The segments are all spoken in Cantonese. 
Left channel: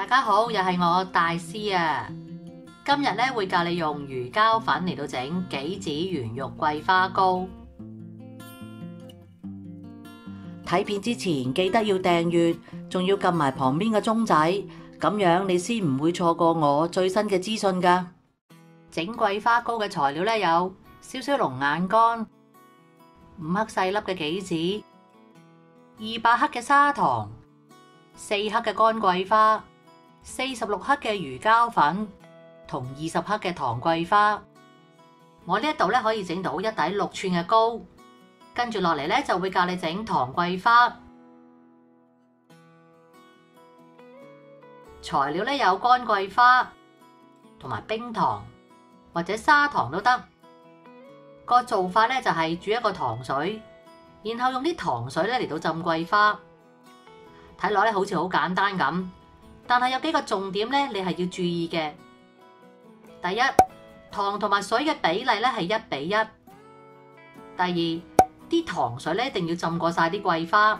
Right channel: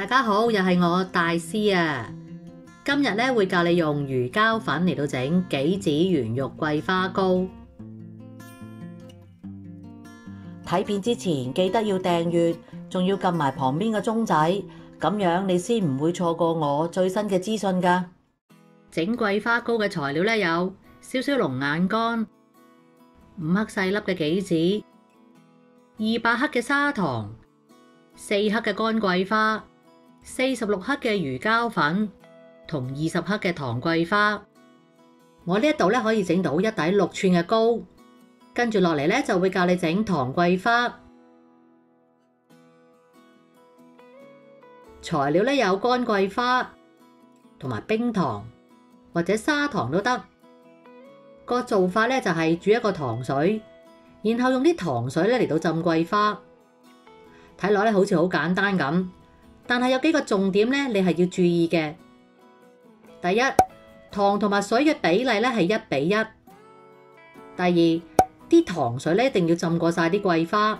大家好，又係我大師啊！今日咧會教你用魚膠粉嚟到整杞子圓肉桂花糕。睇片之前記得要訂閱，仲要撳埋旁邊嘅鐘仔，咁樣你先唔會錯過我最新嘅資訊㗎。整桂花糕嘅材料咧有少少龍眼乾、5克細粒嘅杞子、200克嘅砂糖、4克嘅乾桂花、46克嘅魚膠粉同20克嘅糖桂花。我呢一度咧可以整到一底6寸嘅糕，跟住落嚟咧就會教你整糖桂花。材料咧有乾桂花同埋冰糖或者砂糖都得。個做法咧就係煮一個糖水，然後用啲糖水咧嚟到浸桂花。睇落咧好似好簡單咁。但係有幾個重點咧，你係要注意嘅。第一，糖同埋水嘅比例咧係1比1。第二，啲糖水咧一定要浸過晒啲桂花。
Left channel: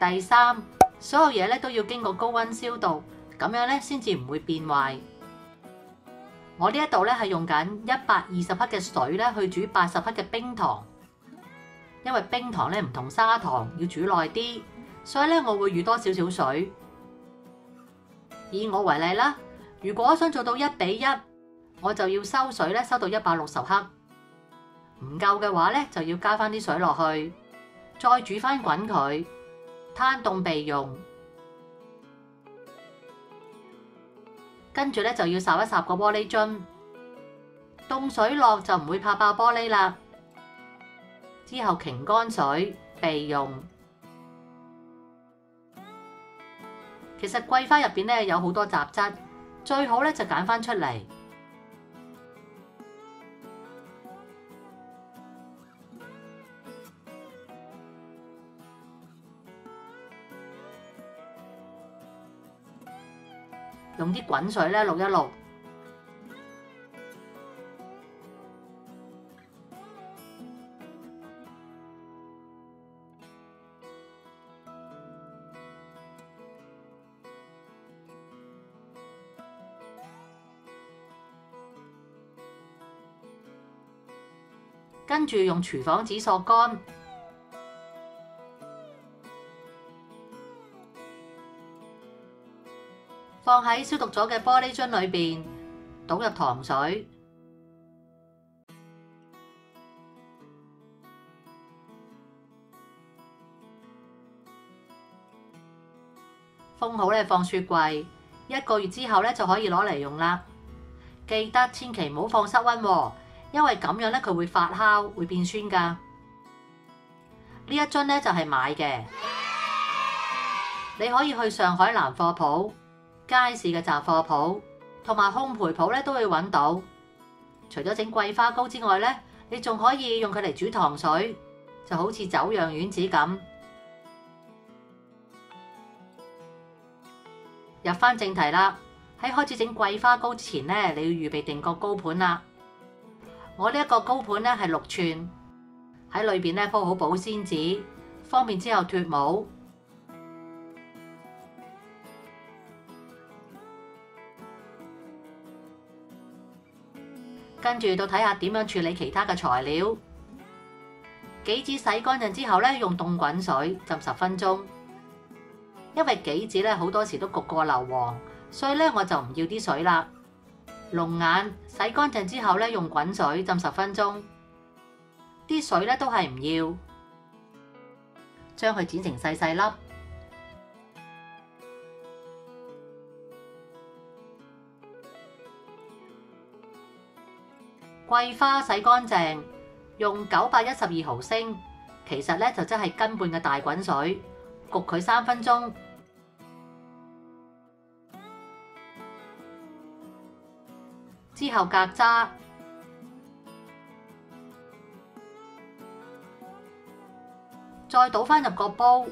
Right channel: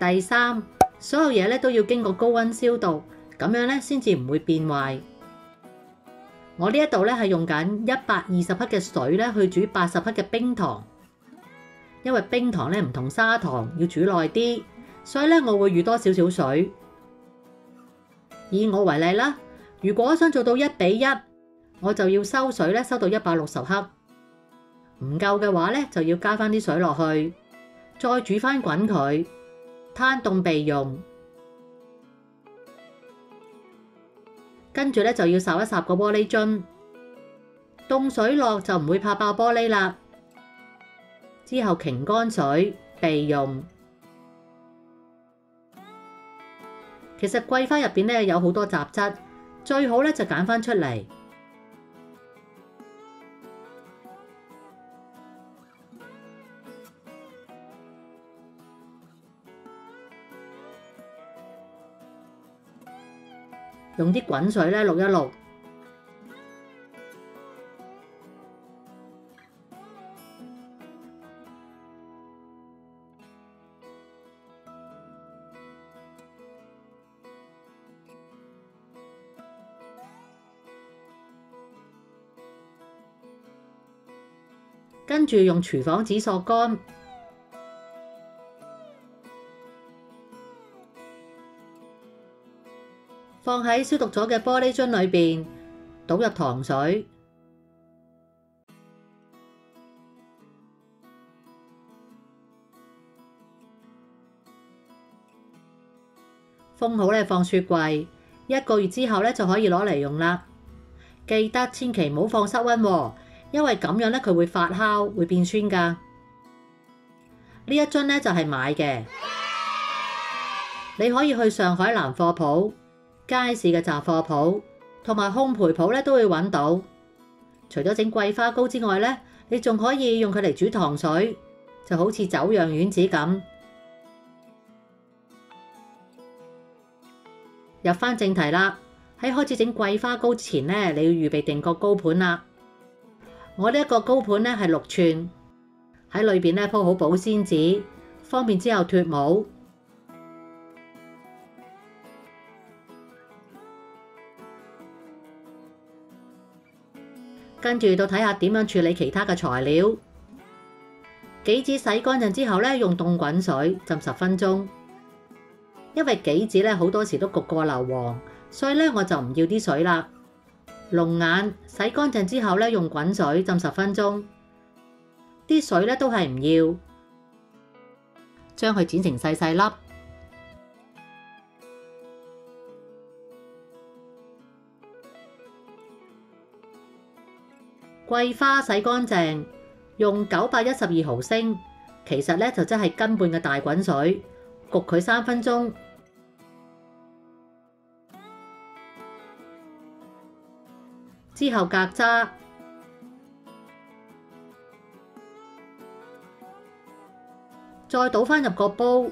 第三，所有嘢咧都要經過高溫消毒，咁樣咧先至唔會變壞。我呢一度咧係用緊120克嘅水咧去煮80克嘅冰糖，因為冰糖咧唔同砂糖要煮耐啲，所以咧我會預多少少水。以我為例啦，如果想做到1比1，我就要收水咧收到160克，唔夠嘅話咧就要加翻啲水落去，再煮翻滾佢，攤凍備用。跟住咧就要烚一烚個玻璃樽，凍水落就唔會拍爆玻璃啦。之後擎乾水備用。其實桂花入邊咧有好多雜質，最好咧就揀翻出嚟。用啲滾水咧渌一渌。跟住用廚房紙索乾，放喺消毒咗嘅玻璃樽裏邊，倒入糖水，封好咧放雪櫃，1個月之後咧就可以攞嚟用啦。記得千祈唔好放室溫喎，因為咁樣咧佢會發酵，會變酸㗎。呢一樽咧就係買嘅，你可以去上海南貨鋪、街市嘅雜貨鋪同埋烘焙鋪咧都會揾到。除咗整桂花糕之外咧，你仲可以用佢嚟煮糖水，就好似酒釀丸子咁。入翻正題啦，喺開始整桂花糕前咧，你要預備定個糕盤啦。我呢一個糕盤咧係6寸，喺裏邊咧鋪好保鮮紙，方便之後脫模。跟住到睇下點樣處理其他嘅材料。杞子洗乾淨之後咧，用凍滾水浸10分鐘。因為杞子咧好多時都焗過硫磺，所以咧我就唔要啲水啦。龍眼洗乾淨之後咧，用滾水浸10分鐘，啲水咧都係唔要，將佢剪成細細粒。桂花洗乾淨，用912毫升，其實咧就即係斤半嘅大滾水，焗佢3分鐘。之後隔渣，再倒返入個煲，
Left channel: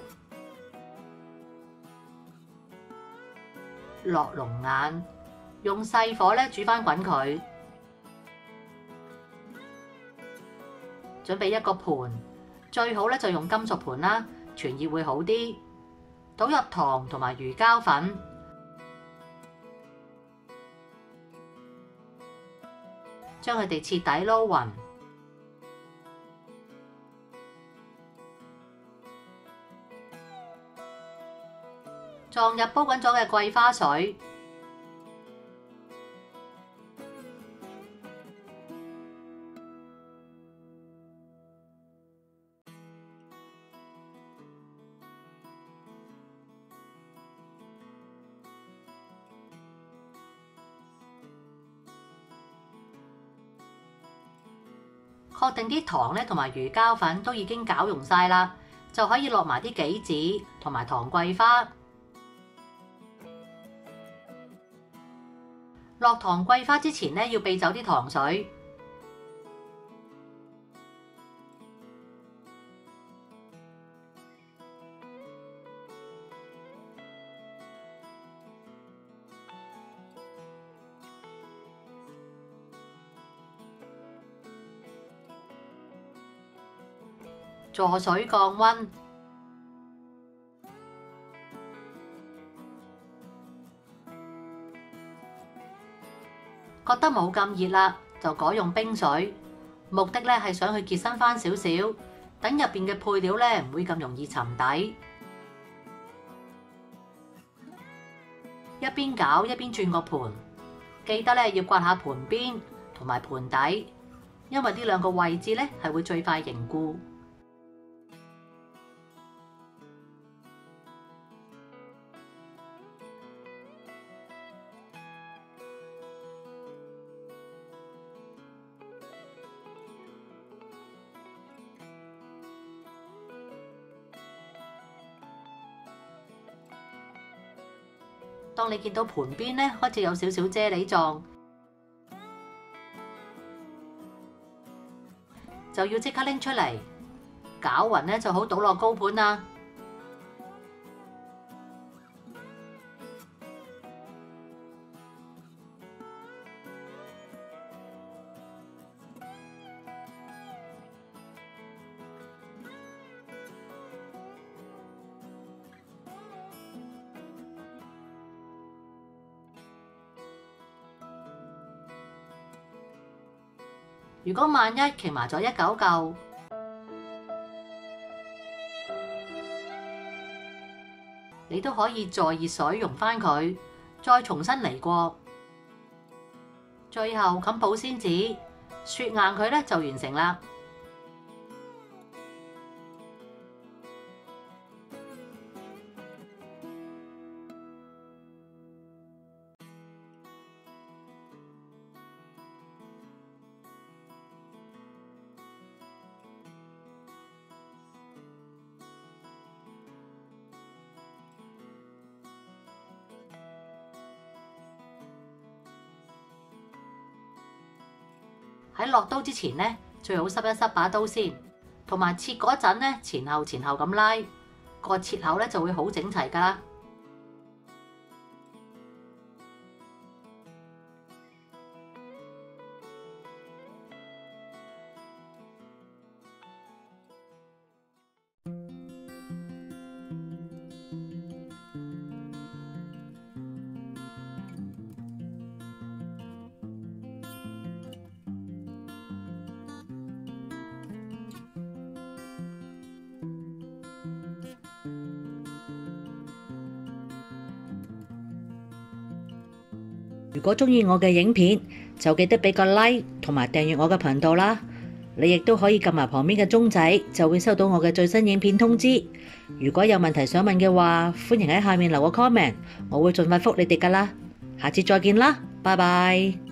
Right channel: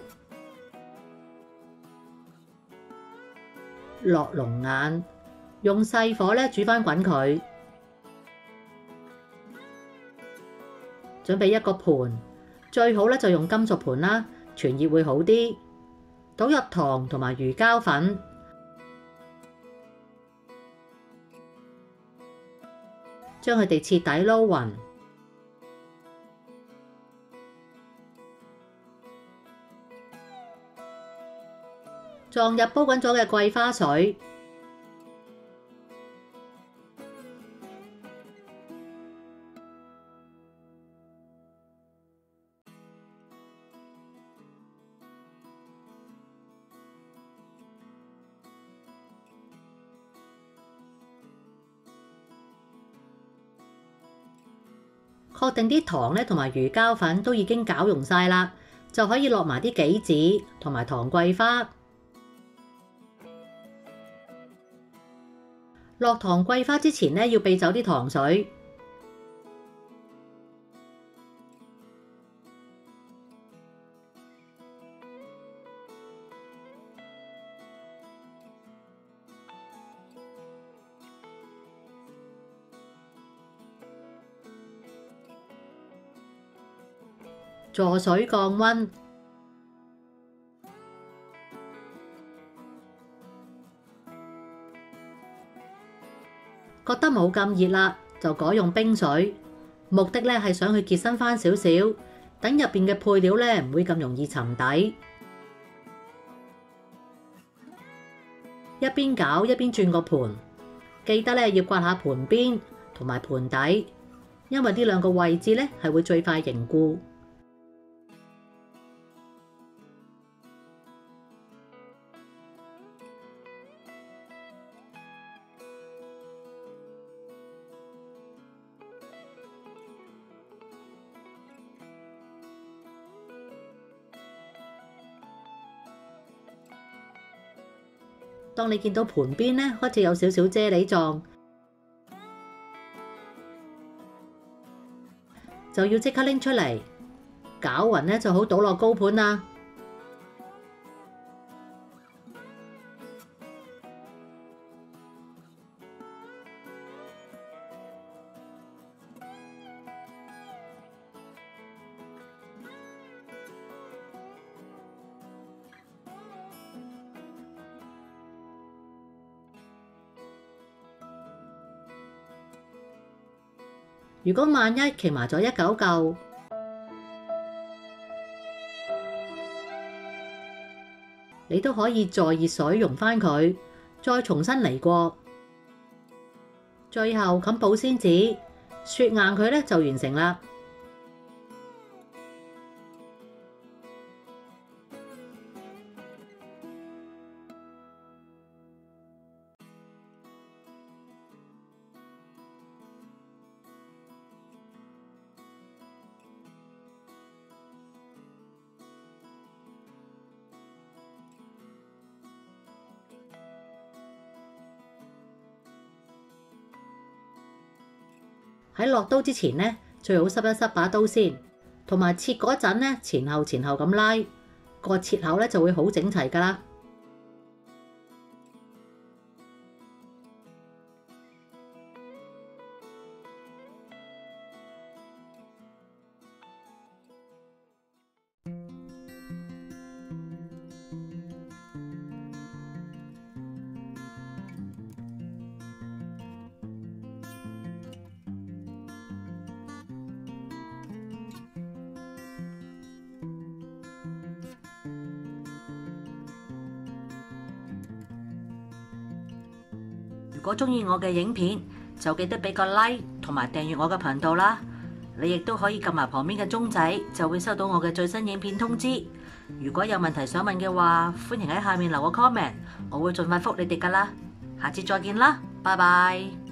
落龍眼，用細火咧煮返滾佢。準備一個盤，最好咧就用金屬盤啦，傳熱會好啲。倒入糖同埋魚膠粉，將佢哋徹底撈勻，撞入煲滾咗嘅桂花水，確定啲糖咧同埋魚膠粉都已經攪溶晒啦，就可以落埋啲杞子同埋糖桂花。落糖桂花之前咧，要避走啲糖水。助水降溫，覺得冇咁熱啦，就改用冰水。目的咧係想去結身返少少，等入邊嘅配料咧唔會咁容易沉底。一邊攪一邊轉個盤，記得咧要刮下盤邊同埋盤底，因為呢兩個位置咧係會最快凝固。當你見到盤邊咧開始有少少啫喱狀，就要即刻拎出嚟，攪勻咧就好倒落高盤啦。如果萬一凝埋咗一嚿嚿，你都可以再熱水溶返佢，再重新嚟過。最後冚保鮮紙，雪硬佢咧就完成啦。喺落刀之前呢，最好濕一濕把刀先，同埋切嗰陣呢，前後咁拉，個切口咧就會好整齊㗎喇。如果鍾意我嘅影片，就記得俾個 like 同埋訂閱我嘅頻道啦。你亦都可以撳埋旁邊嘅鐘仔，就會收到我嘅最新影片通知。如果有問題想問嘅話，歡迎喺下面留個 comment，我會盡快覆你哋㗎啦。下次再見啦，拜拜。